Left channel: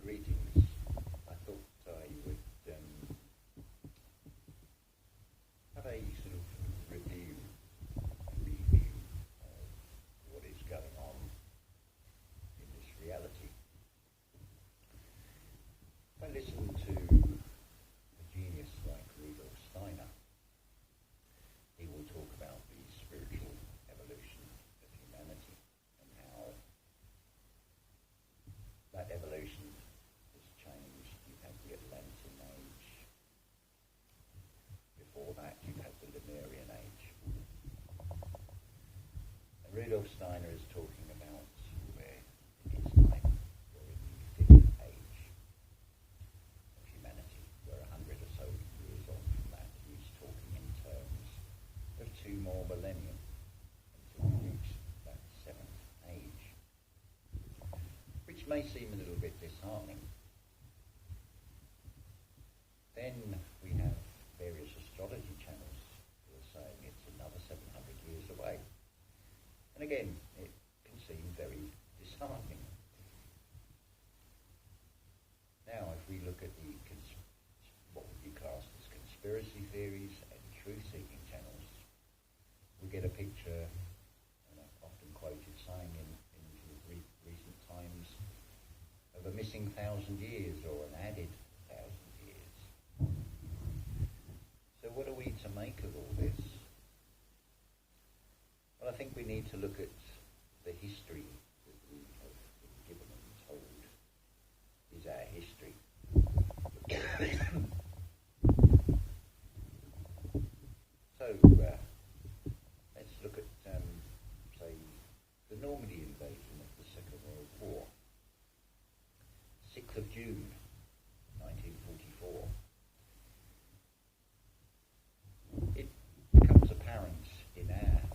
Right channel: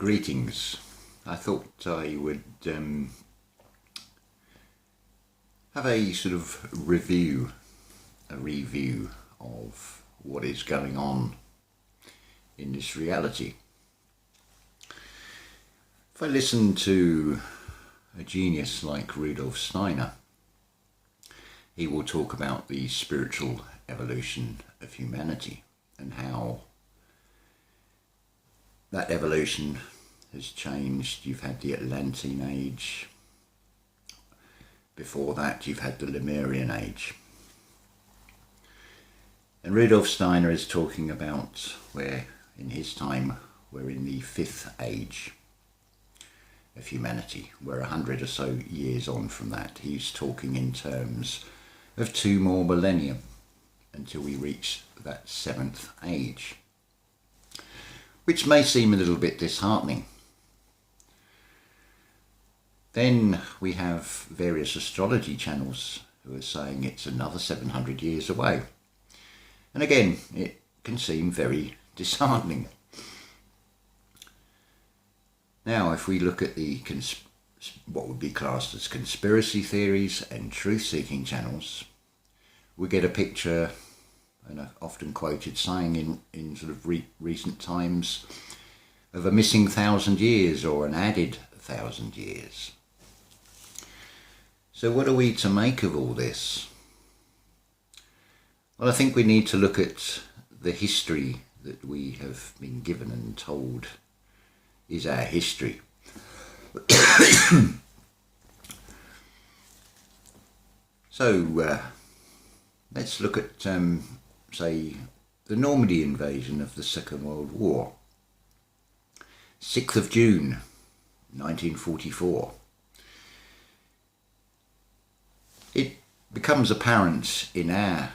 Greetings. I thought I would have a sort of review of what is going on in this reality. If I listen to a genius like Rudolf Steiner, he will talk about the spiritual evolution of humanity and how that evolution has changed. You've had the Atlantean age. Before that, you've had the Lemurian age. And Rudolf Steiner is talking about where, in his time, we're in the fifth age of humanity. We're 100 or so years on from that. He's talking in terms of 2 more millennia until we reach that seventh age, which may seem a little bit disheartening. Then we have various astrology channels who are saying it's another 700 years away. And again, it can seem very disheartening. Now, if we look at the what would be classed as conspiracy theories and truth-seeking channels, we get a picture, an often quoted saying in sort of recent times, of a missing 1,000 years or an added 1,000 years. So what are we to make of all this? Well, I think we need to look at the history that we have been given and told is our history. So let's look at, say, the Normandy invasion of the Second World War. 6th of June, 1944. It becomes apparent in our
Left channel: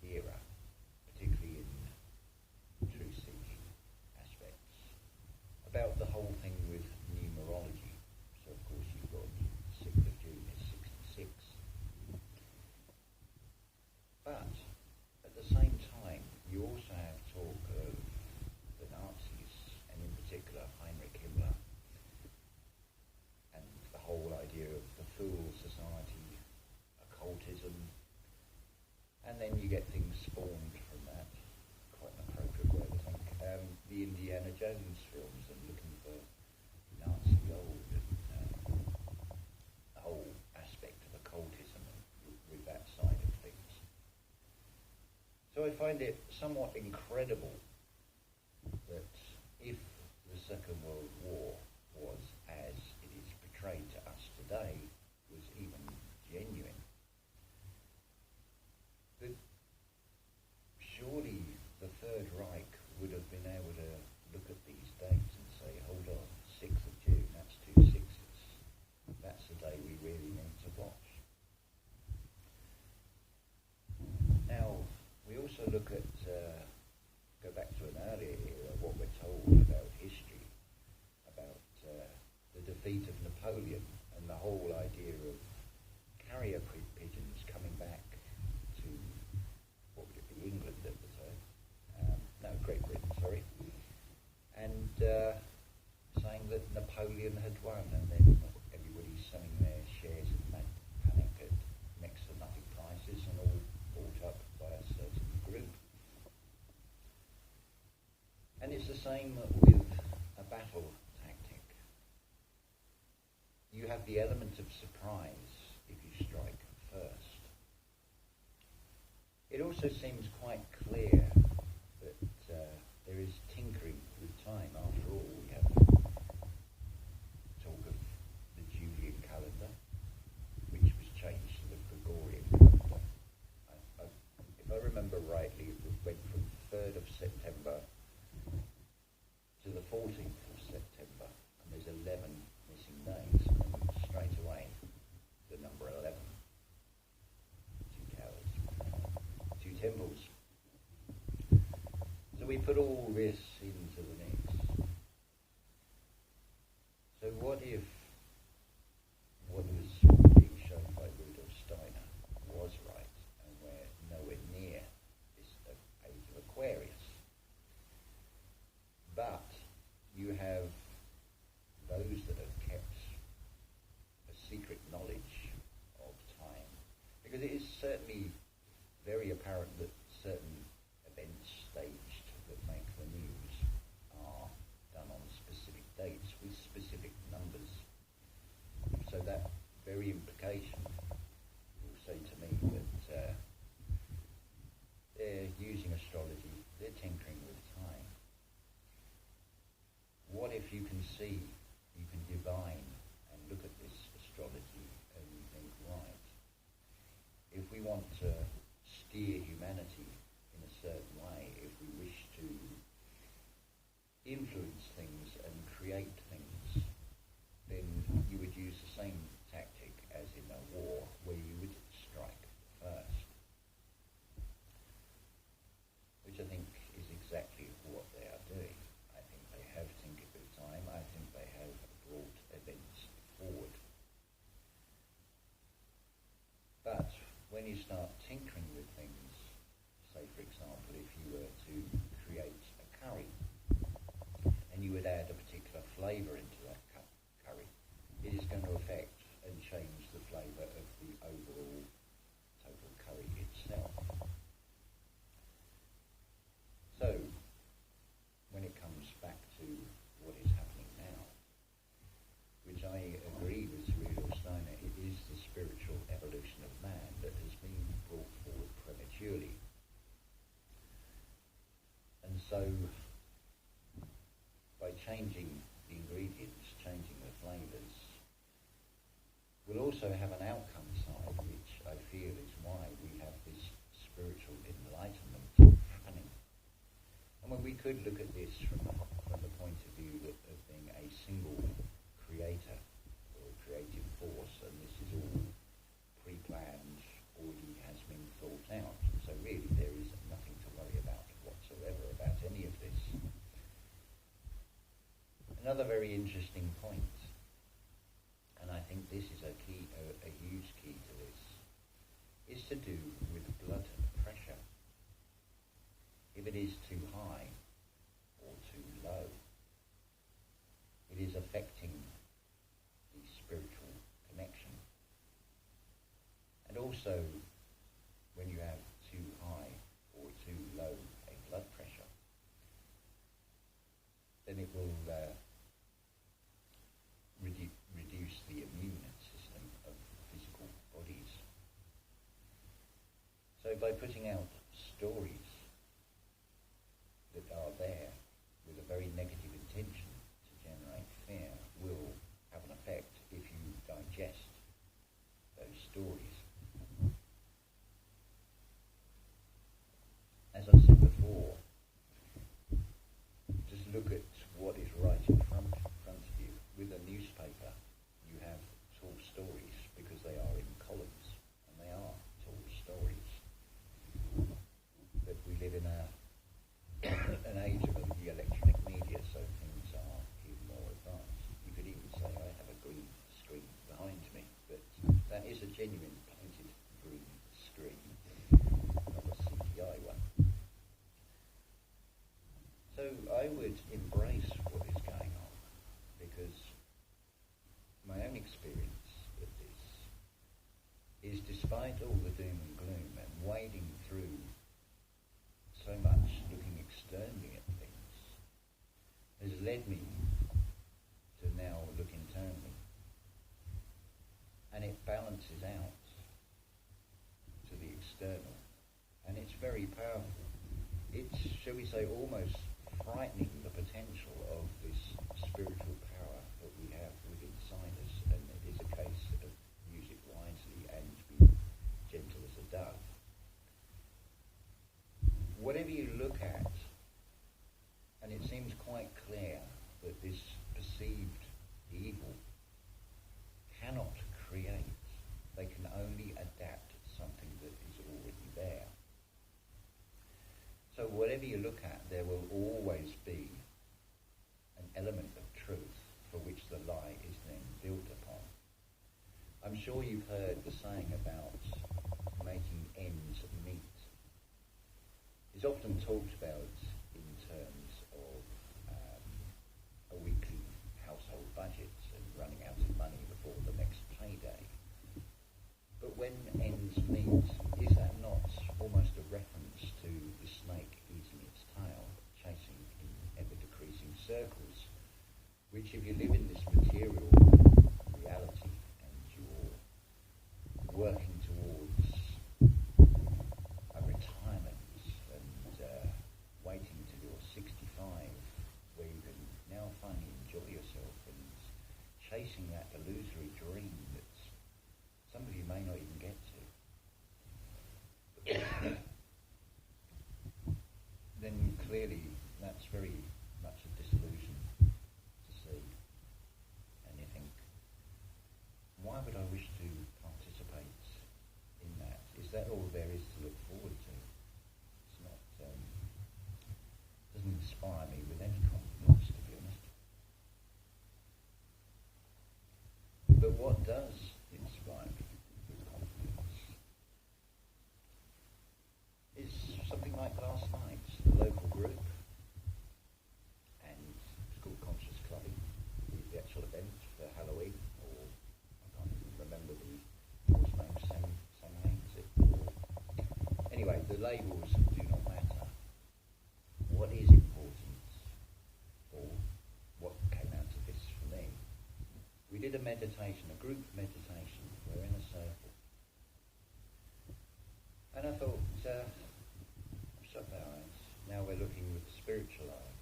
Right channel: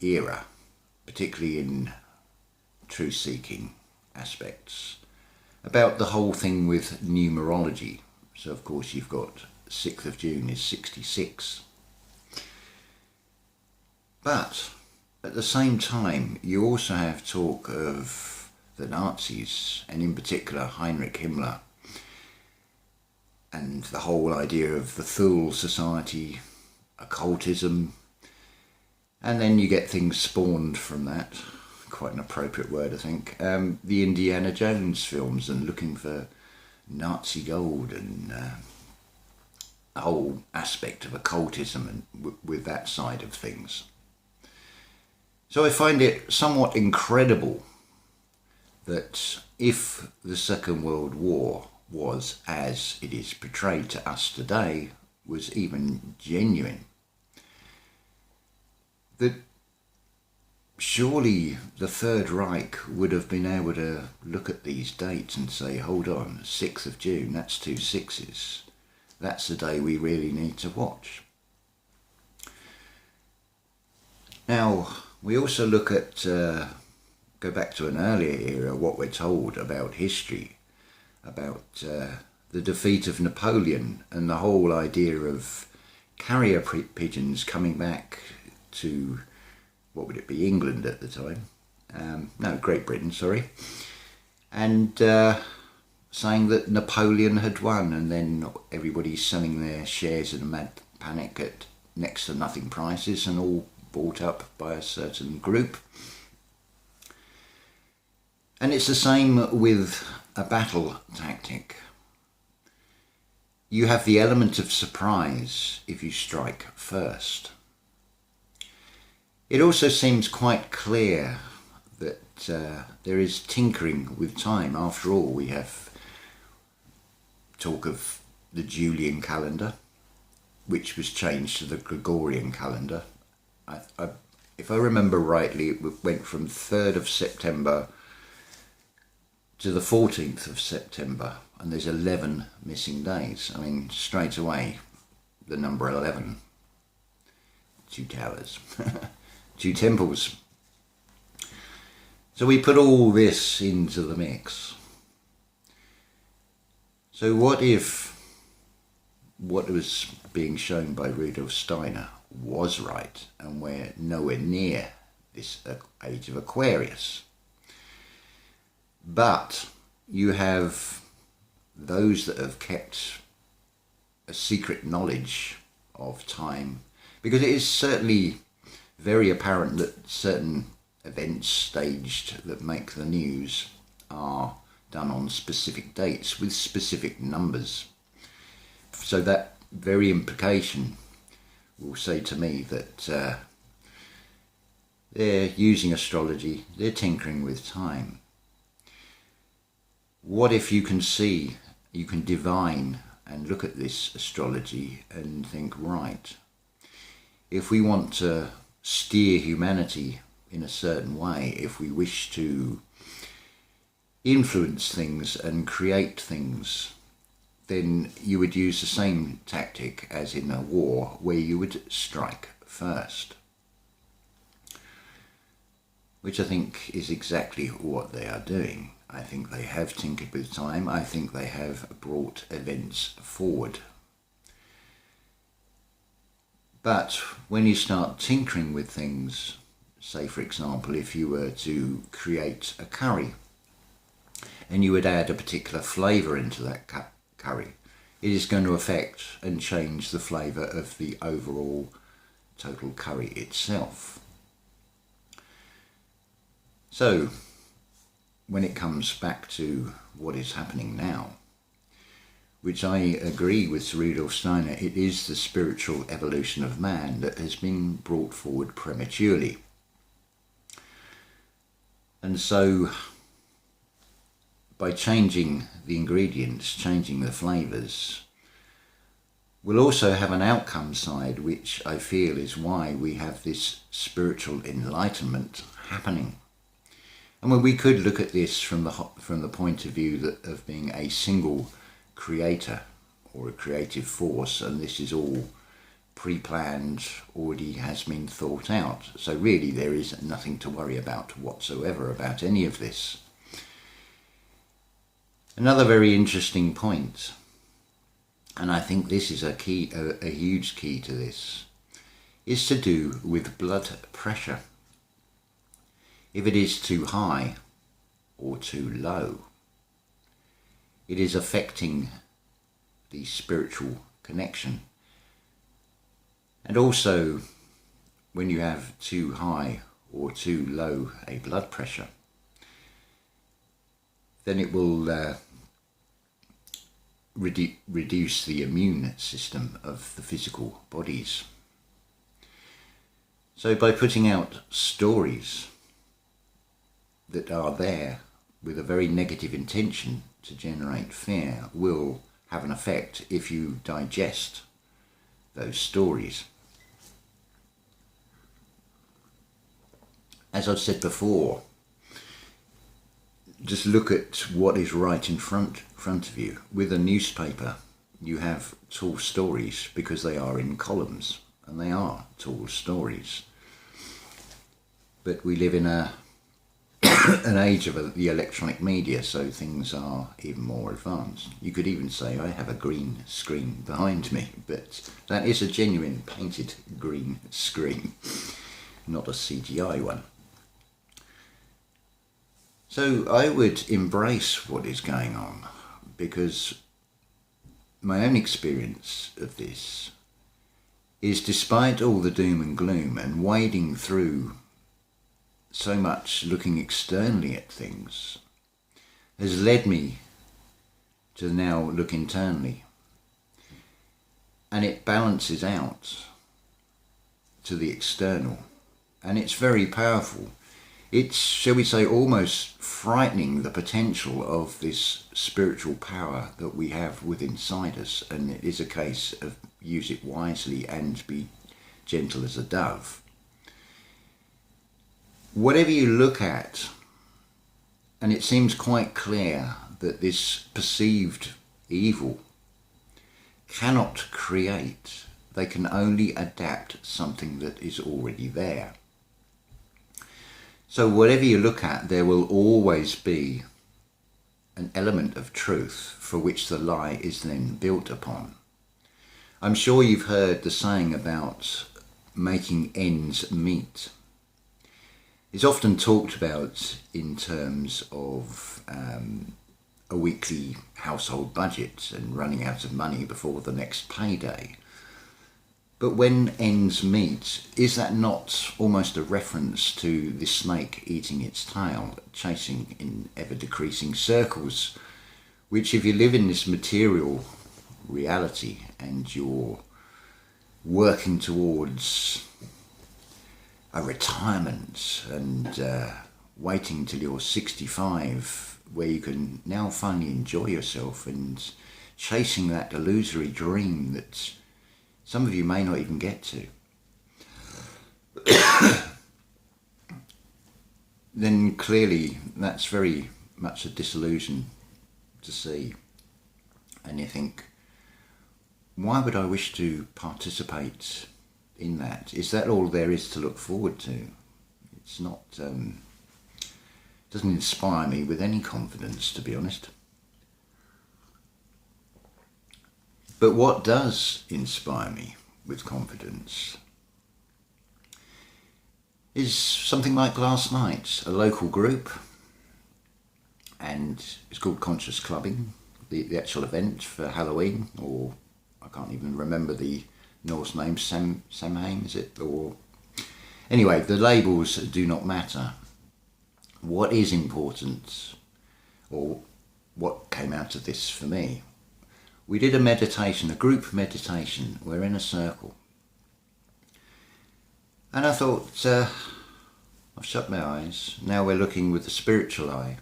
era, particularly in truth-seeking aspects, about the whole thing with numerology. So of course you've got 6th of June is 66. But at the same time you also have talk of the Nazis, and in particular Heinrich Himmler, and the whole idea of the Thule Society, occultism, and then you get things spawned from that, quite an appropriate word I think, the Indiana Jones films and looking for Nazi gold and the whole aspect of occultism and with that side of things. So I find it somewhat incredible that if the Second World War was, as it is portrayed to us today, was even genuine, that surely the Third Reich would have been able to look at these dates and say, hold on, 6th of June, that's 2 6s. That's the day we really need to watch. Now, we also look at, go back to an earlier era, what we're told about history, about the defeat of Napoleon and the whole idea of carrier pigeons coming back to, what would it be, England at the time? No, Great Britain, sorry. And saying that Napoleon had won, and then everybody's selling their shares in a mad panic at next to nothing prices and all bought up by a certain group. And it's the same with a battle tactic. You have the element of surprise if you strike first. It also seems quite clear that there is tinkering with time. After all, we have talk of the Julian calendar, which was changed to the Gregorian calendar. If I remember rightly, it went from 3rd of September to the 14th of September, and there's 11 missing days. I mean, straight away, the number 11. 2 towers, 2 temples. So we put all this into the mix. So what if what was being shown by Rudolf Steiner was right, and we're nowhere near this age of Aquarius? But you have those that have kept a secret knowledge of time, because it is certainly very apparent that certain events staged that make the news are done on specific dates with specific numbers. So that very implication will say to me that they're using astrology, they're tinkering with time. What if you can see, you can divine and look at this astrology and think, right, if we want to steer humanity in a certain way, if we wish to influence things and create things, then you would use the same tactic as in a war, where you would strike first. Which I think is exactly what they are doing. I think they have tinkered with time. I think they have brought events forward. But when you start tinkering with things, say for example, if you were to create a curry and you would add a particular flavour into that curry, it is going to affect and change the flavour of the overall total curry itself. So, when it comes back to what is happening now, which I agree with Sir Rudolf Steiner, it is the spiritual evolution of man that has been brought forward prematurely. And so, by changing the ingredients, changing the flavours, we'll also have an outcome side, which I feel is why we have this spiritual enlightenment happening. And when we could look at this from the point of view of being a single creator or a creative force, and this is all pre-planned, already has been thought out. So really there is nothing to worry about whatsoever about any of this. Another very interesting point, and I think this is a huge key to this, is to do with blood pressure. If it is too high or too low, it is affecting the spiritual connection. And also, when you have too high or too low a blood pressure, then it will reduce the immune system of the physical bodies. So by putting out stories that are there with a very negative intention to generate fear will have an effect if you digest those stories. As I've said before, just look at what is right in front of you. With a newspaper, you have tall stories because they are in columns, and they are tall stories. But we live in an age of the electronic media, so things are even more advanced. You could even say I have a green screen behind me, but that is a genuine painted green screen, not a CGI one. So I would embrace what is going on, because my own experience of this is, despite all the doom and gloom and wading through so much looking externally at things, has led me to now look internally, and it balances out to the external, and it's very powerful. It's, shall we say, almost frightening, the potential of this spiritual power that we have within inside us, and it is a case of use it wisely and be gentle as a dove. Whatever you look at, and it seems quite clear that this perceived evil cannot create, they can only adapt something that is already there. So whatever you look at, there will always be an element of truth for which the lie is then built upon. I'm sure you've heard the saying about making ends meet. It's often talked about in terms of a weekly household budget and running out of money before the next payday. But when ends meet, is that not almost a reference to the snake eating its tail, chasing in ever-decreasing circles, which if you live in this material reality and you're working towards a retirement and waiting till you're 65, where you can now finally enjoy yourself and chasing that illusory dream that some of you may not even get to, then clearly that's very much a disillusion to see. And you think, why would I wish to participate in that? Is that all there is to look forward to? It's not, doesn't inspire me with any confidence, to be honest. But what does inspire me with confidence is something like last night, a local group, and it's called Conscious Clubbing, the actual event for Halloween, or I can't even remember the Norse name, Samhain, is it? Or anyway, the labels do not matter. What is important, or what came out of this for me, we did a meditation, a group meditation. We're in a circle. And I thought, I've shut my eyes. Now we're looking with the spiritual eye.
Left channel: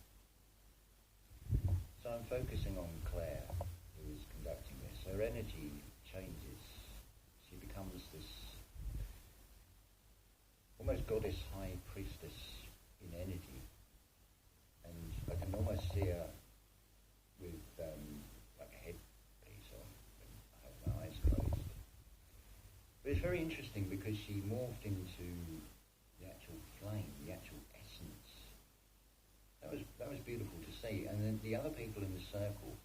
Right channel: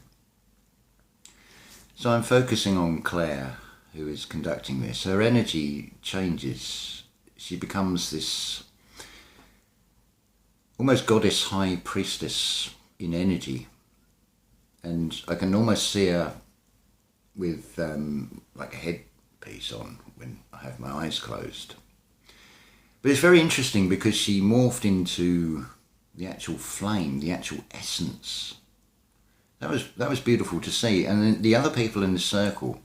So I'm focusing on Claire, who is conducting this. Her energy changes. She becomes this almost goddess high priestess in energy. And I can almost see her with like a headpiece on when I have my eyes closed. But it's very interesting because she morphed into the actual flame, the actual essence. That was beautiful to see. And then the other people in the circle,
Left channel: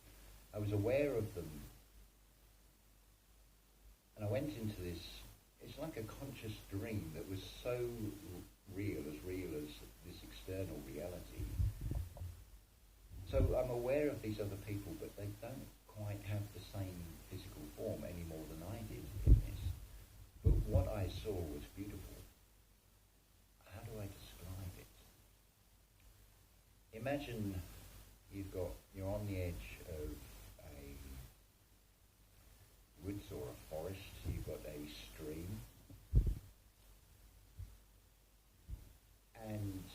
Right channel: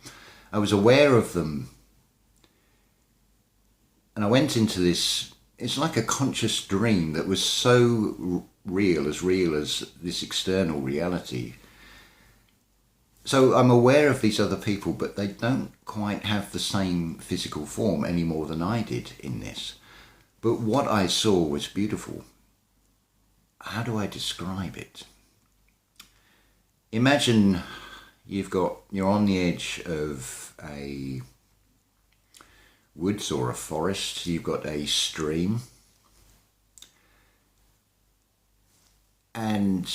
I was aware of them. And I went into this, it's like a conscious dream that was so real as this external reality. So I'm aware of these other people, but they don't quite have the same physical form any more than I did in this. But what I saw was beautiful. How do I describe it? Imagine you're on the edge of a woods or a forest. You've got a stream, and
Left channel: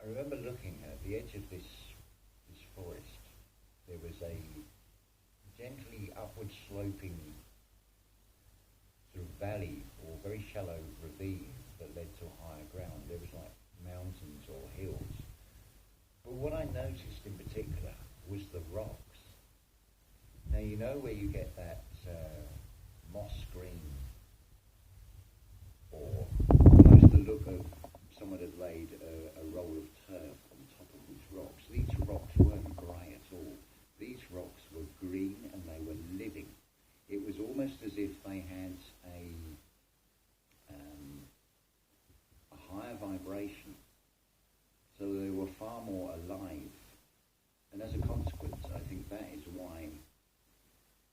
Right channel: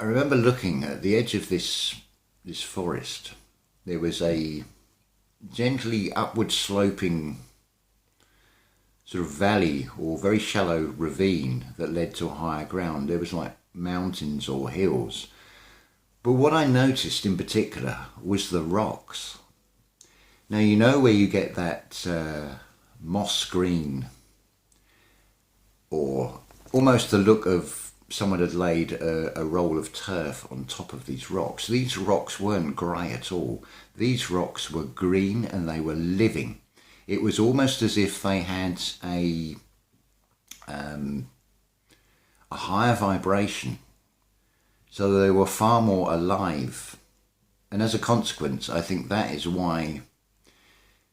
I remember looking at the edge of this forest. There was a gently upward sloping sort of valley or very shallow ravine that led to higher ground. There was like mountains or hills. But what I noticed in particular was the rocks. Now, you know where you get that moss green, or almost the look of someone had laid a roll of turf on top of these rocks. These rocks weren't grey at all. These rocks were green and they were living. It was almost as if they had a higher vibration, so they were far more alive. And as a consequence, I think that is why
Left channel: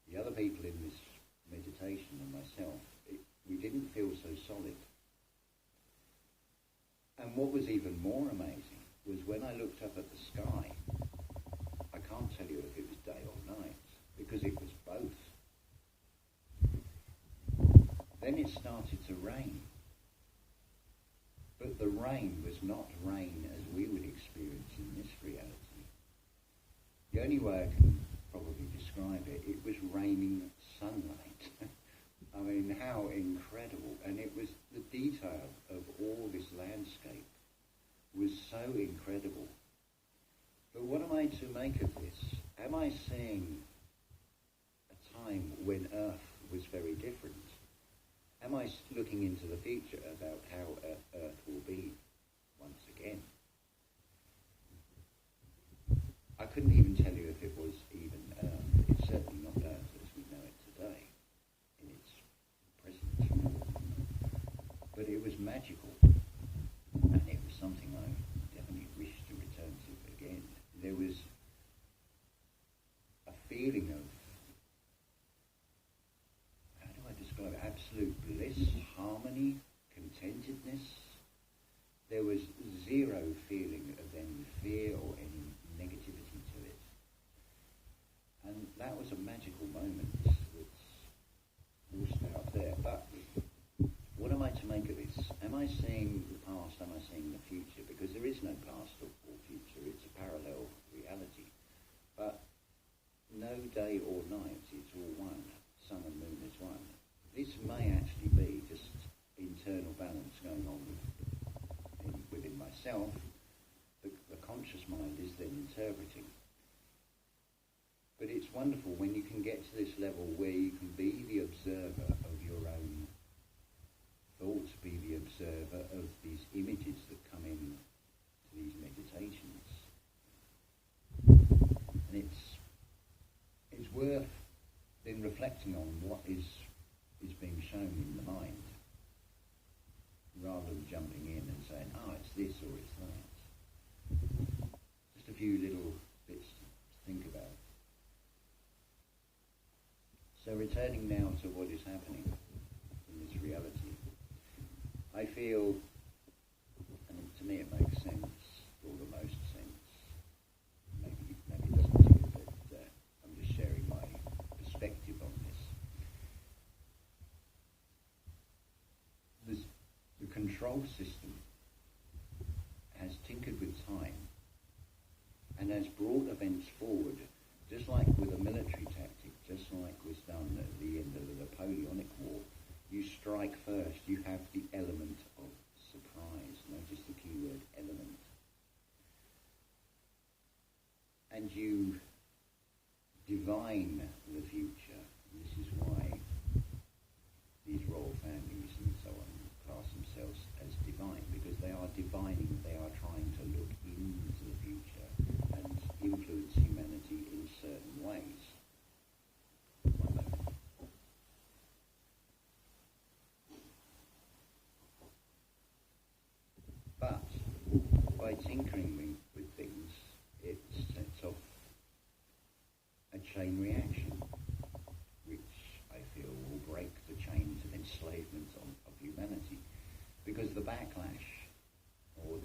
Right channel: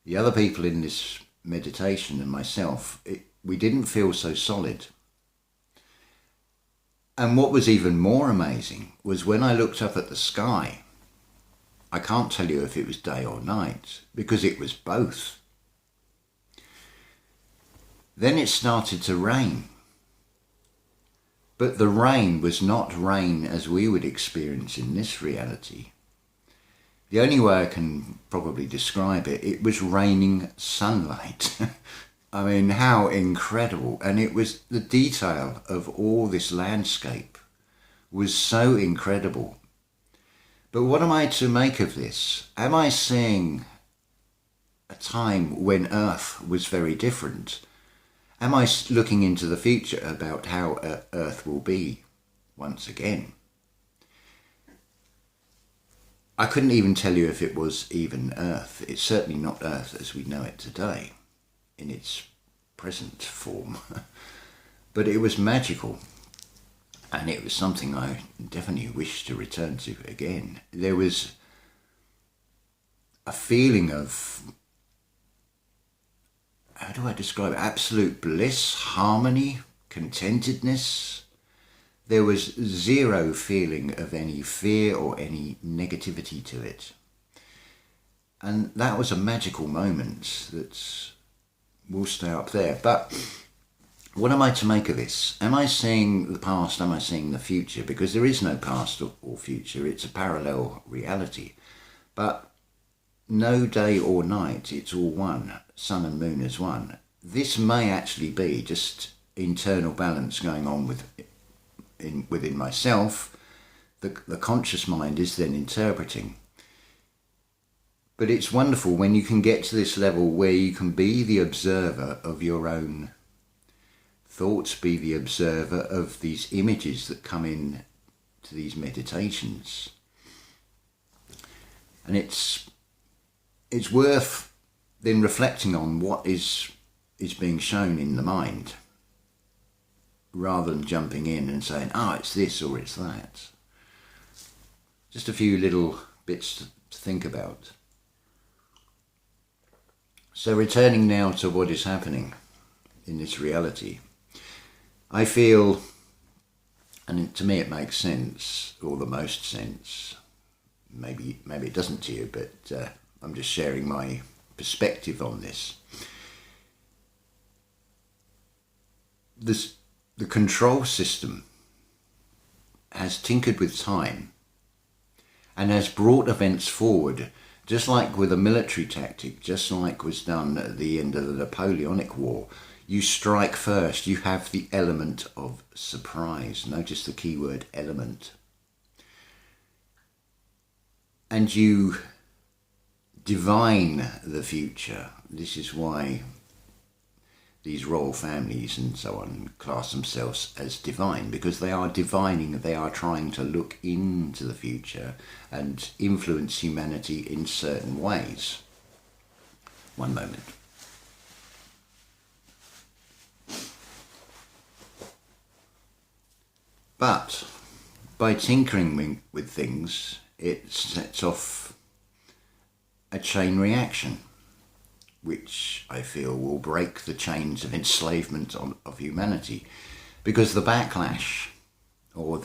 the other people in this meditation and myself, we didn't feel so solid. And what was even more amazing was when I looked up at the sky, I can't tell you if it was day or night, because it was both. Then it started to rain. But the rain was not rain as we would experience in this reality. The only way I can probably describe it, it was raining sunlight. I mean, how incredible. And it was the detail of all this landscape was so incredible. But what am I to make of this? Am I seeing a time when Earth was very different? Am I looking into the future about how Earth will be once again? I couldn't even tell you if it was even Earth. It's certainly not Earth as we know it today, in its present form. But it was magical. And it was something I definitely wish to return to again. There was a feeling of, how do I describe it? Absolute bliss, harmony, contentedness. There was zero feeling of any fear or any negativity to it. And that was a magical moment that will stay up there. But what am I to make of this? Am I seeing the past? Am I seeing the future? Because there is no past or future. It's a parallel reality. But no day or night, it's all one. Sun and moon is one. This may actually be just internal balance going on within myself. The conscious mind is then interpreting. But it's wonderful when you can get to this level where you can be the observer of your own thoughts, be the observer of these images that come in to these meditations. And it's worth then reflecting on what is being shown in the mind, rather than jumping in and saying, it's this or it's that. Just a few little bits to think about. So returning now to what is happening in this reality, I feel, and to me it makes sense, or the most sense, maybe it doesn't to you, but I'm just sharing my perspective on this. The control system has tinkered with time and has brought events forward, just like with a military tactic, just like was done at the end of the Napoleonic War. You strike first, you have the element of surprise. Notice the key word, element. And you divine the future. This is why these royal families and so on class themselves as divine, because they are divining, they are trying to look into the future and influence humanity in certain ways. One moment. But by tinkering with things, it sets off a chain reaction, which I feel will break the chains of enslavement of humanity, because the backlash, or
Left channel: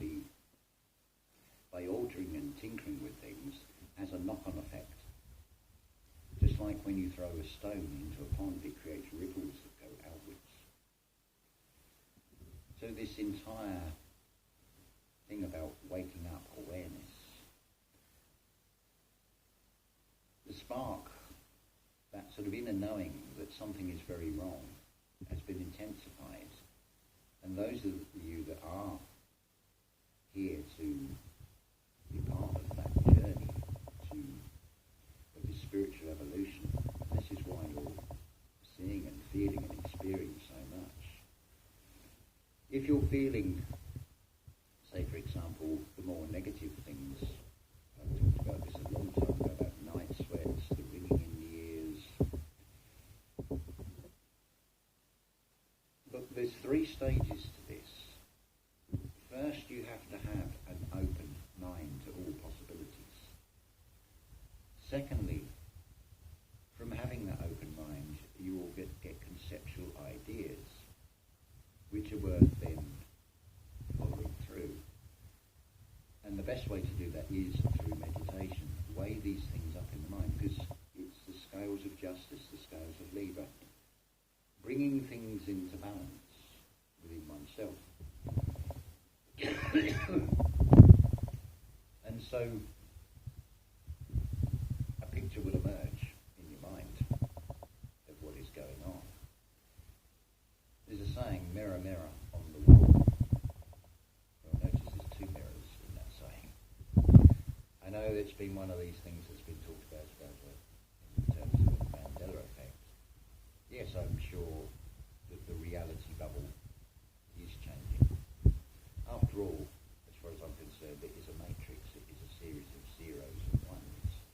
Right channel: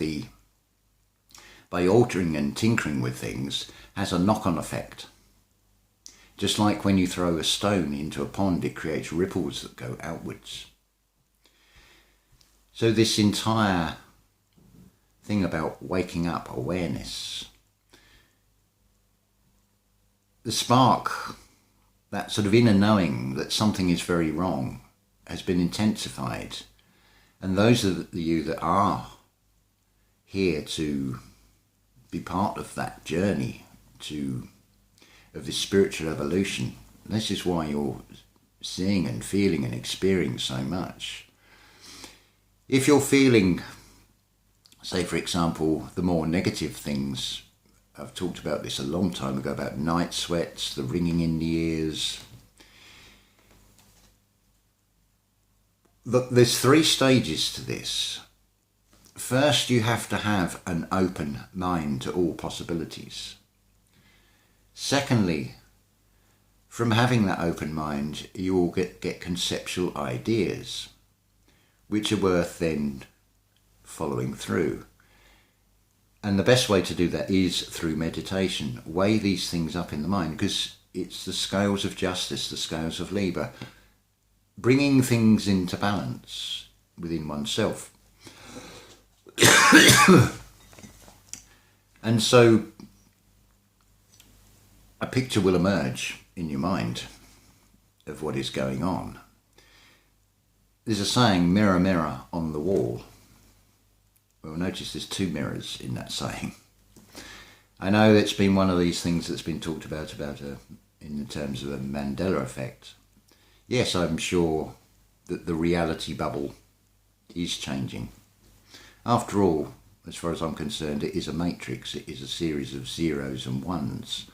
by altering and tinkering with things, has a knock-on effect. Just like when you throw a stone into a pond, it creates ripples that go outwards. So this entire thing about waking up, awareness, the spark, that sort of inner knowing that something is very wrong, has been intensified. And those of you that are here to be part of that journey of this spiritual evolution, this is why you're seeing and feeling and experiencing so much. If you're feeling, say for example, the more negative things, I've talked about this a long time ago, about night sweats, the ringing in the ears. There's 3 stages to this. First, you have to have an open mind to all possibilities. Secondly, from having that open mind, you will get conceptual ideas, which are worth then following through. And the best way to do that is through meditation. Weigh these things up in the mind, because it's the scales of justice, the scales of Libra, bringing things into balance within oneself. And so a picture will emerge in your mind of what is going on. There's a saying, mirror, mirror on the wall. Well, notice there's 2 mirrors in that saying. I know it's been one of these things that's been talked about in terms of a Mandela effect. Yes, I'm sure that the reality bubble is changing. After all, as far as I'm concerned, it is a matrix. It is a series of zeros and ones.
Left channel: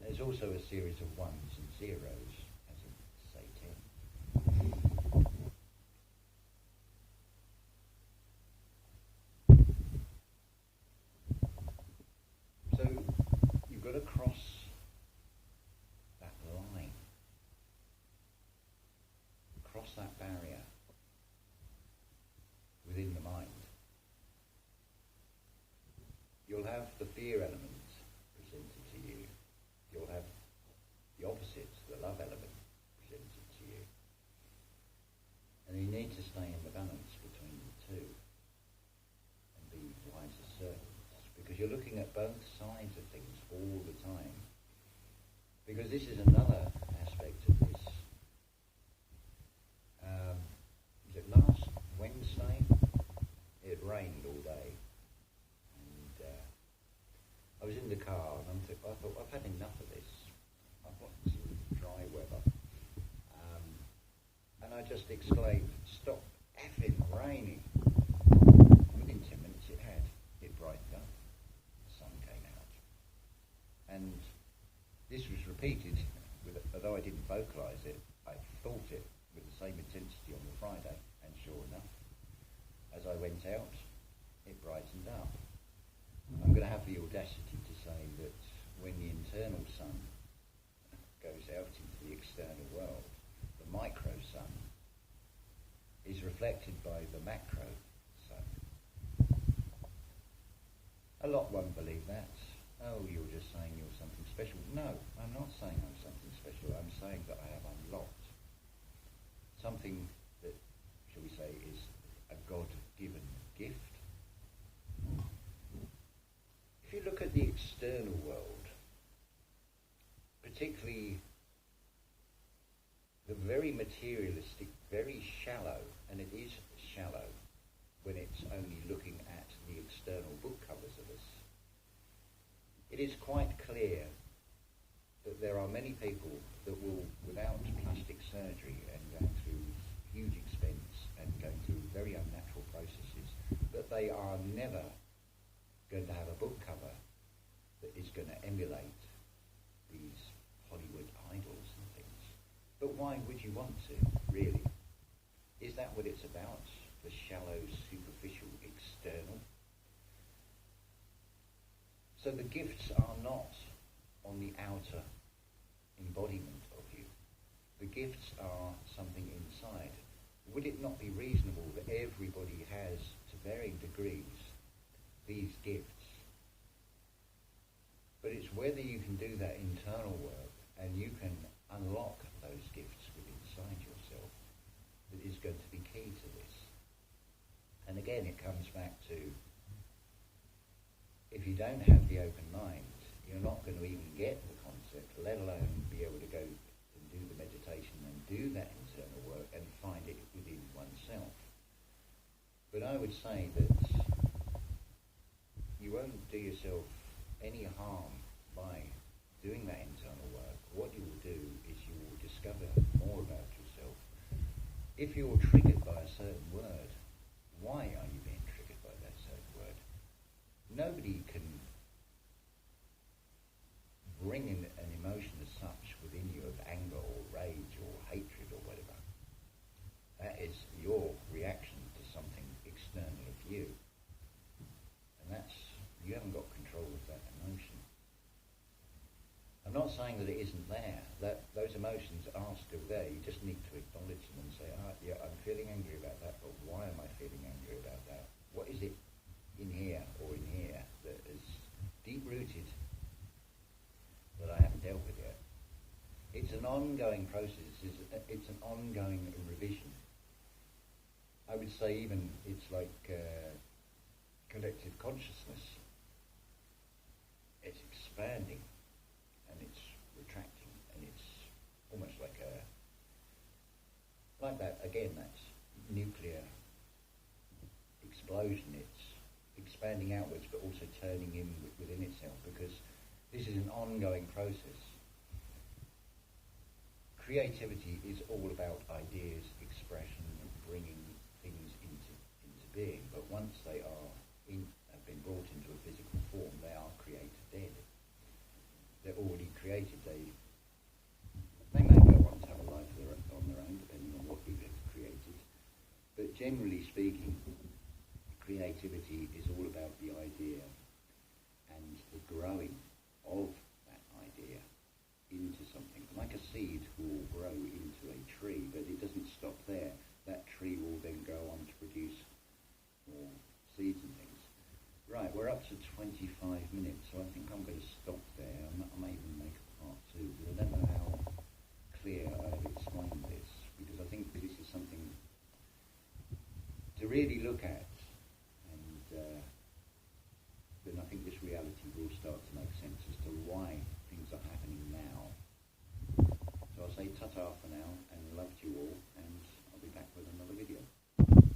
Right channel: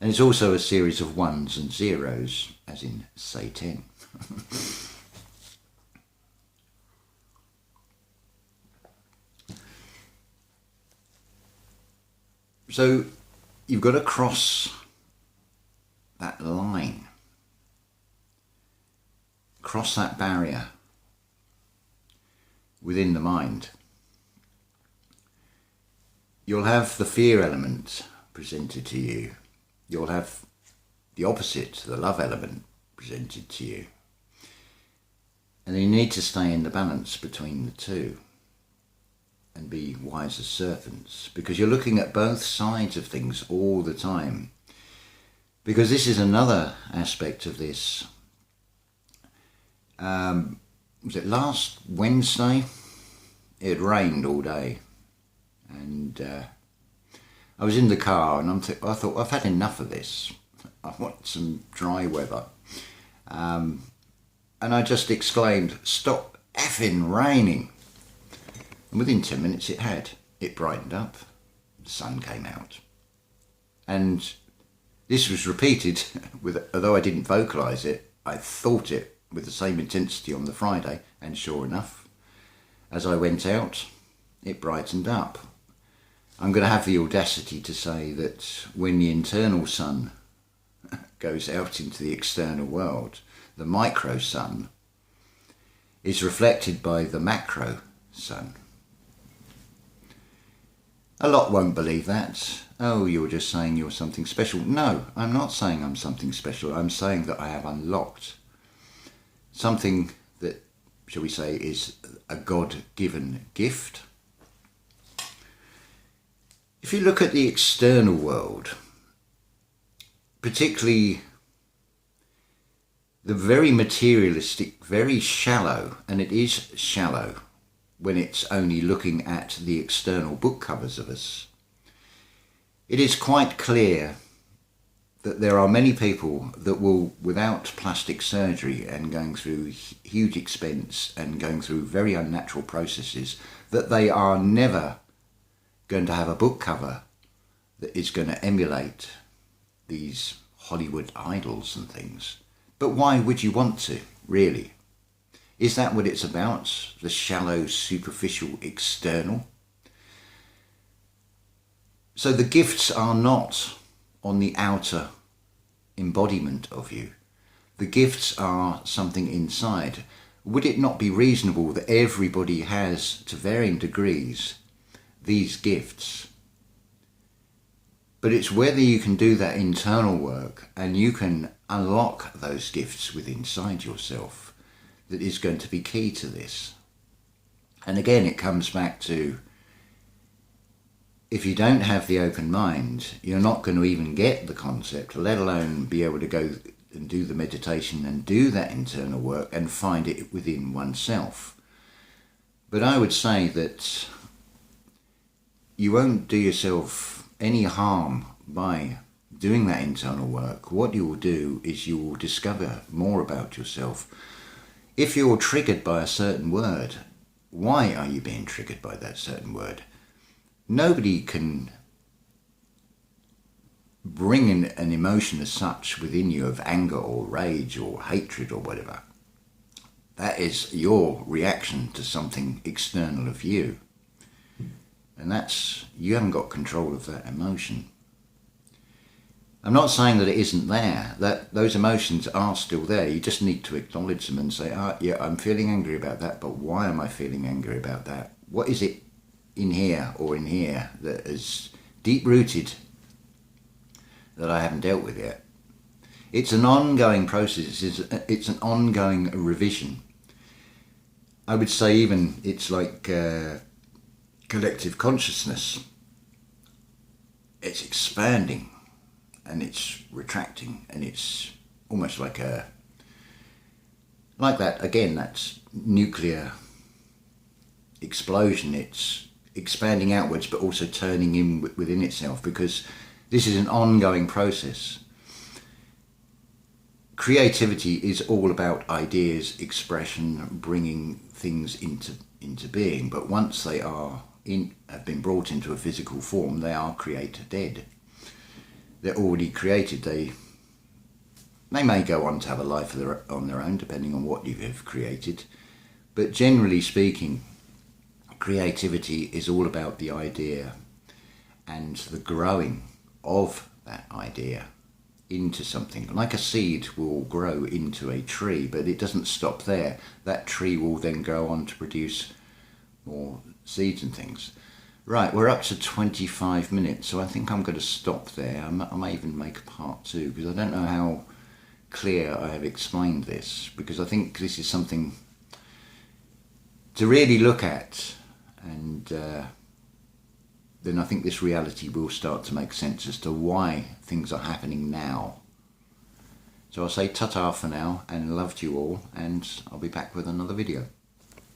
And it's also a series of ones and zeros, as in, say, 10. So you've got to cross that line, cross that barrier within the mind. You'll have the fear element presented to you. You'll have the opposite, the love element presented to you. And you need to stay in the balance between the two and be wise as serpents, because you're looking at both sides of things all the time. Because this is another aspect of this. Was it last Wednesday? It had rained all day. And I was in the car and I thought, I've had enough of this. I want some dry weather. And I just exclaimed, stop effing raining. And within 10 minutes it brightened up. The sun came out. And this was repeated, although I didn't vocalise it, I thought it with the same intensity on the Friday, and sure enough, as I went out, it brightened up. I'm going to have the audacity to say that when the internal sun goes out into the external world, the micro sun is reflected by the macro sun. A lot won't believe that. Oh, you're just saying you're something special. No, I'm not saying I'm something special. I'm saying that I have unlocked something that, shall we say, is a God-given gift. If you look at the external world, particularly the very materialistic, very shallow, and it is shallow when it's only looking at the external book covers of us, it is quite clear that there are many people that will, without plastic surgery and going through huge expense and going through very unnatural processes, that they are never going to have a book cover that is going to emulate these Hollywood idols and things. But why would you want to, really? Is that what it's about? The shallow, superficial, external? So the gifts are not on the outer embodiment of you. The gifts are something inside. Would it not be reasonable that everybody has, to varying degrees, these gifts? But it's whether you can do that internal work and you can unlock those gifts within inside yourself that is going to be key to this. And again, it comes back to, if you don't have the open mind, you're not going to even get the concept, let alone be able to go and do the meditation and do that internal work and find it within oneself. But I would say that you won't do yourself any harm by doing that internal work. What you will do is you will discover more about yourself. If you're triggered by a certain word, why are you being triggered by that certain word? Nobody can bring in an emotion as such within you of anger or rage or hatred or whatever. That is your reaction to something external of you. And that's, you haven't got control of that emotion. I'm not saying that it isn't there, that those emotions are still there. You just need to acknowledge them and say, yeah, I'm feeling angry about that, but why am I feeling angry about that? What is it in here or in here that is deep-rooted that I haven't dealt with yet? It's an ongoing process. It's an ongoing revision. I would say even it's like collective consciousness. It's expanding and it's retracting, and it's almost like that, again, that's nuclear explosion. It's expanding outwards but also turning in within itself, because this is an ongoing process. Creativity is all about ideas, expression, bringing things into being, but once they have been brought into a physical form, they are creator dead. They're already created. They may go on to have a life on their own, depending on what you have created, but generally speaking, creativity is all about the idea and the growing of that idea into something. Like a seed will grow into a tree, but it doesn't stop there. That tree will then go on to produce more seeds and things. Right, we're up to 25 minutes, so I think I'm going to stop there. I may even make a part 2, because I don't know how clear I have explained this, because I think this is something to really look at, and then I think this reality will start to make sense as to why things are happening now. So I'll say ta-ta for now, and love to you all, and I'll be back with another video.